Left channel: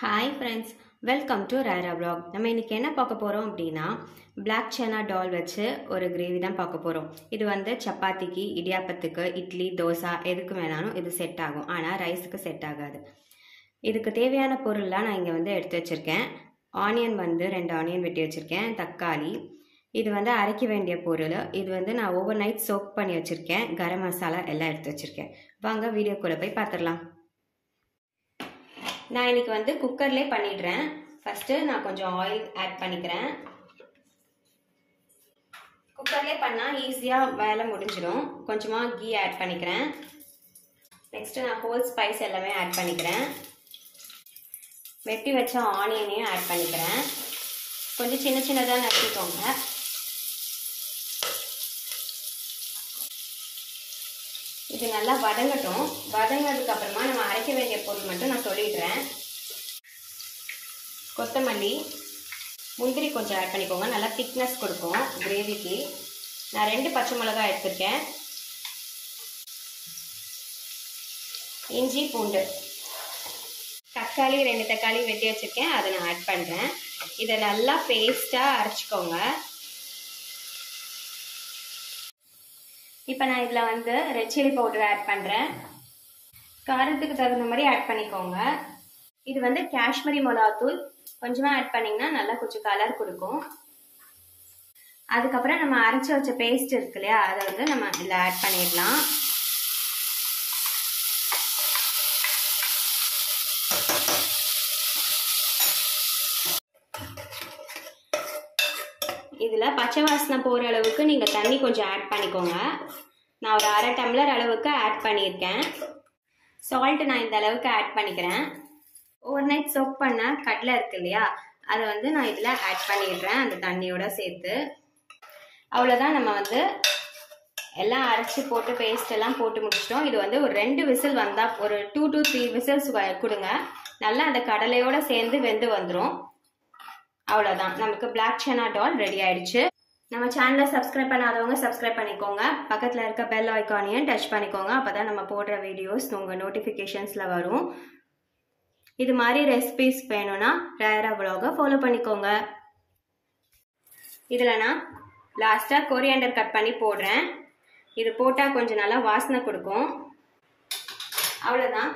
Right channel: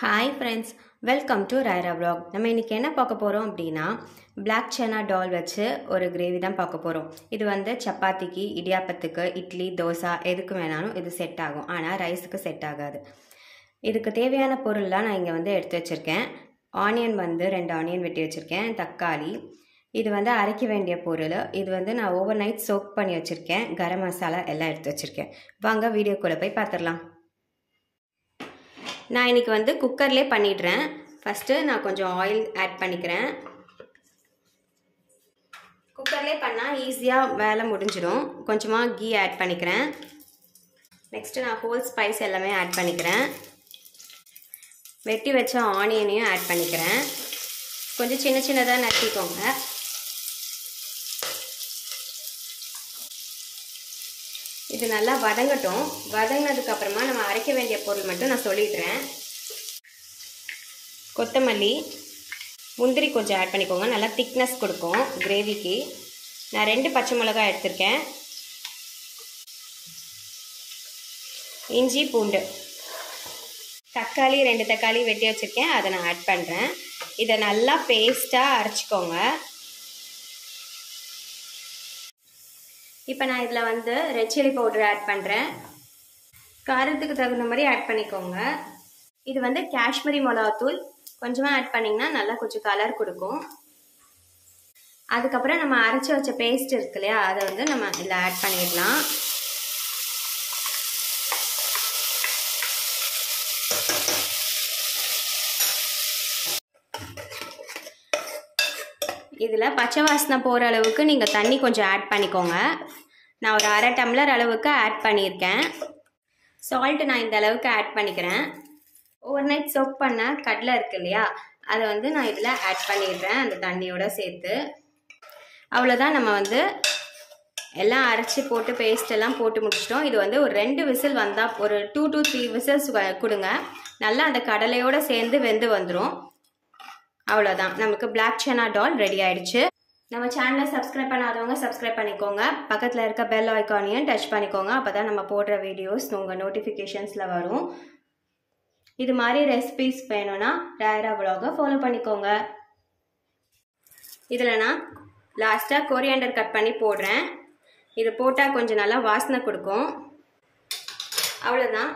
Hi friends, welcome to ராயரா vlog. நம்ம இன்றைக்கி என்ன பார்க்க போகிறோம் அப்படின்னா பிளாக் சனா டால் வச்சு ஒரு கிரேவி தான் பார்க்க போகிறோம். இது வந்து சப்பாத்திக்கு, இடியாப்பத்துக்கு, இட்லி, தோசை எதுக்கு வேணாலும் இது செட் ஆகும். ஆனால் ரைஸுக்கு செட் ஆகாது. இதுக்கு தேவையான பொருள்லாம் நான் இங்கே வந்து எடுத்து வச்சுருக்கேன். ஆனியன் வந்து 2 ஆனியன் வெட்டி வச்சுருக்கேன். தக்காளி, இது வந்து அரைக்க வேண்டிய பொருள். இது வந்து நான் ஓவர் நைட் சோக் பண்ணி வச்சுருக்கேன். கரம் மசாலா எல்லாம் எடுத்து வச்சுருக்கேன். வாங்க வீடியோக்குள்ளே போய் பார்த்துடலாம். நான் இன்றைக்கி வந்து குக்கர்லேயே பண்ணிடுறேன். ஃபஸ்ட்டு நான் கொஞ்சம் ஆயில் ஆட் பண்ணிக்கிறேன். குக்கர்லேயே பண்ணால் ஈஸியாக வேலை முடிஞ்சிடும். கொஞ்சமாக கீ ஆட் பண்ணிக்கிறேன். நெக்ஸ்ட்டு நான் ஹோல் ஸ்பைஸ் எல்லாமே ஆட் பண்ணிக்கிறேன். வெட்டி வச்ச ஆனியனையும் ஆட் பண்ணிக்கிறேன். கொஞ்சம் சின்ன சின்னதாக நட்டிக்கோங்க. இது நல்லா வதங்கட்டும். வதங்கினதுக்கு அப்புறமா நம்ம அரைக்க வேண்டிய பொருள் மட்டும் நான் சொல்லிடுறேன். கொத்தமல்லி, முந்திரி கொஞ்சம் ஆட் பண்ணிக்கோங்க. நல்லா திக்னஸ் கொடுக்கும் கிரேவிக்கு. நான் 2 பச்சை மிளகாய் எடுத்திருக்கேன். இஞ்சி, பூண்டு, தக்காளி 2 தக்காளி வெட்டி வச்சுருக்கேன். அதை நான் ஆட் பண்ணுறேன். இதை நல்லா பேஸ்ட்டாக அரைச்சிக்கோங்க. இப்போ நான் இதில் வந்து ரெட் சில்லி பவுடர் ஆட் பண்ணுறேன். காரத்துக்கு தகுந்த மாதிரி ஆட் பண்ணிக்கோங்க. இது வந்து காஷ்மீரி மிளகாத்தூள் கொஞ்சமாக ஆட் பண்ணிங்கன்னா நல்லா கொஞ்சம் கலர் கொடுக்கும். அதுக்கப்புறம் நம்ம அரைச்சி வச்ச பேஸ்ட் இருக்கு இல்லையா, அதை வந்து நம்ம இதில் ஆட் பண்ணிடலாம். இதில் பச்சை வாசனை போகிற அளவுக்கு நீங்கள் தண்ணி கொஞ்சம் ஆட் பண்ணிக்கோங்க. நான் ஒரு 1/2 டம்ளர் அளவுக்கு ஆட் பண்ணியிருக்கேன். சால்ட்டு நான் இந்த அளவுக்கு ஆட் பண்ணிக்கிறேன். ஓவர் நைட் சோக் பண்ண கடலை இருக்கு இல்லையா, அதை வந்து நான் இதில் ஆட் பண்ணிடுறேன் அந்த தண்ணியோடு சேர்த்து. அவ்வளோதான், நம்ம வந்து எல்லாம் அரைச்சி போட்டு பேஸ்ட் எல்லாம் போட்டு முடிச்சிட்டோம். இது வந்து ஒரு 2 விசில் வந்தால், ஒரு 2 to 3 விசில்ஸ் கொடுங்க. நல்லா அந்த கடலையோடு சேர்ந்து வெந்து வந்துடும். அவ்வளோதான், நமக்கு பிளாக் சனா டால் ரெடி ஆயிடுச்சு. நம்ம சேனலை சப்ஸ்கிரைப் பண்ணாதவங்க சப்ஸ்கிரைப் பண்ணிக்கோங்க. பக்கத்தில் இருக்க பெல் ஐக்கானையும் டச் பண்ணிக்கோங்க. அப்போ தான் நம்ம போடுற வீடியோஸ் உங்கள் நோட்டிஃபிகேஷன்ஸில் வரும். இது மாதிரி ரெசிபிஸ் வேணும்னா ராயரா vlog-ஐ ஃபாலோ பண்ணிக்கோங்க. இதில் நான் லாஸ்ட்டாக கொரியாண்டர் கட் பண்ணி போடுறேன். இது போட்டால் கொஞ்சம் நல்லா வாசனை கொடுக்கும். அவ்வளோதான்,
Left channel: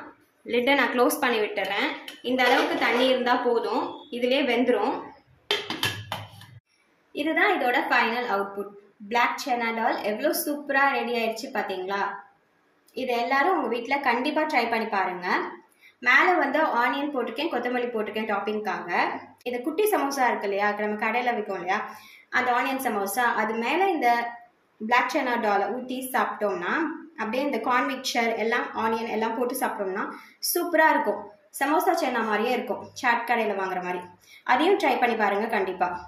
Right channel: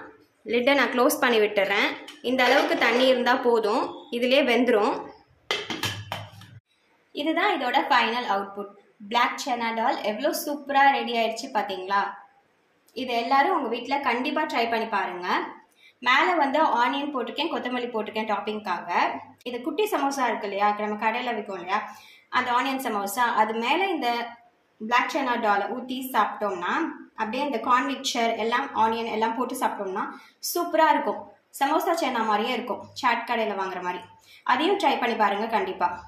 லிட்டை நான் க்ளோஸ் பண்ணி விட்டுறேன். இந்த அளவுக்கு தண்ணி இருந்தால் போதும், இதிலே வெந்துடும். இதுதான் இதோட ஃபைனல் அவுட்புட். பிளாக் சனா டால் எவ்வளோ சூப்பராக ரெடி ஆயிடுச்சு பார்த்தீங்களா? இது எல்லாரும் உங்கள் வீட்டில் கண்டிப்பாக ட்ரை பண்ணி பாருங்கள். மேலே வந்து ஆனியன் போட்டிருக்கேன், கொத்தமல்லி போட்டிருக்கேன் டாப்பிங்காக. இது குட்டி சமோசா இருக்கு இல்லையா, நம்ம கடையில் விற்கும் இல்லையா, அந்த ஆனியன் சமோசா, அது மேலே இந்த பிளாக் சனா டாலை ஊற்றி சாப்பிட்டோம்னா, அப்படியே இந்த கார்ன் மிக்சர் எல்லாம் ஆனியன் எல்லாம் போட்டு சாப்பிட்டோம்னா சூப்பராக இருக்கும். சமோசா சனா மாதிரியே இருக்கும், சாட் கடையில் வாங்குற மாதிரி. அதையும் ட்ரை பண்ணி பாருங்கள் கண்டிப்பாக.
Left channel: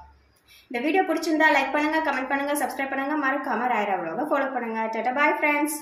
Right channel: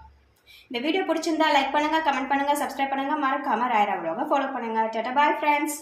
இந்த வீடியோ பிடிச்சிருந்தா லைக் பண்ணுங்கள், கமெண்ட் பண்ணுங்கள், சப்ஸ்கிரைப் பண்ணுங்கள். மறக்காமல் ராயரா vlog-ஐ ஃபாலோ பண்ணுங்கள். Tata, bye friends.